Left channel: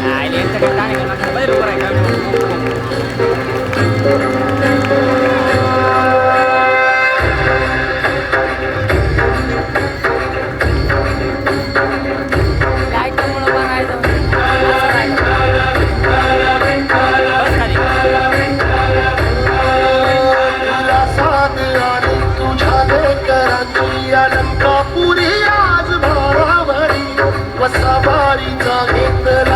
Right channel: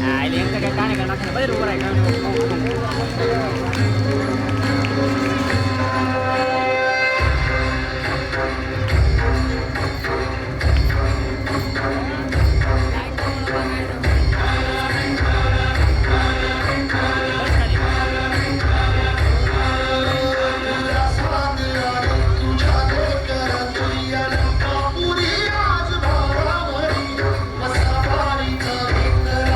Ah, ini yang tekan kan kan nak bayar orang kan. Marita, get the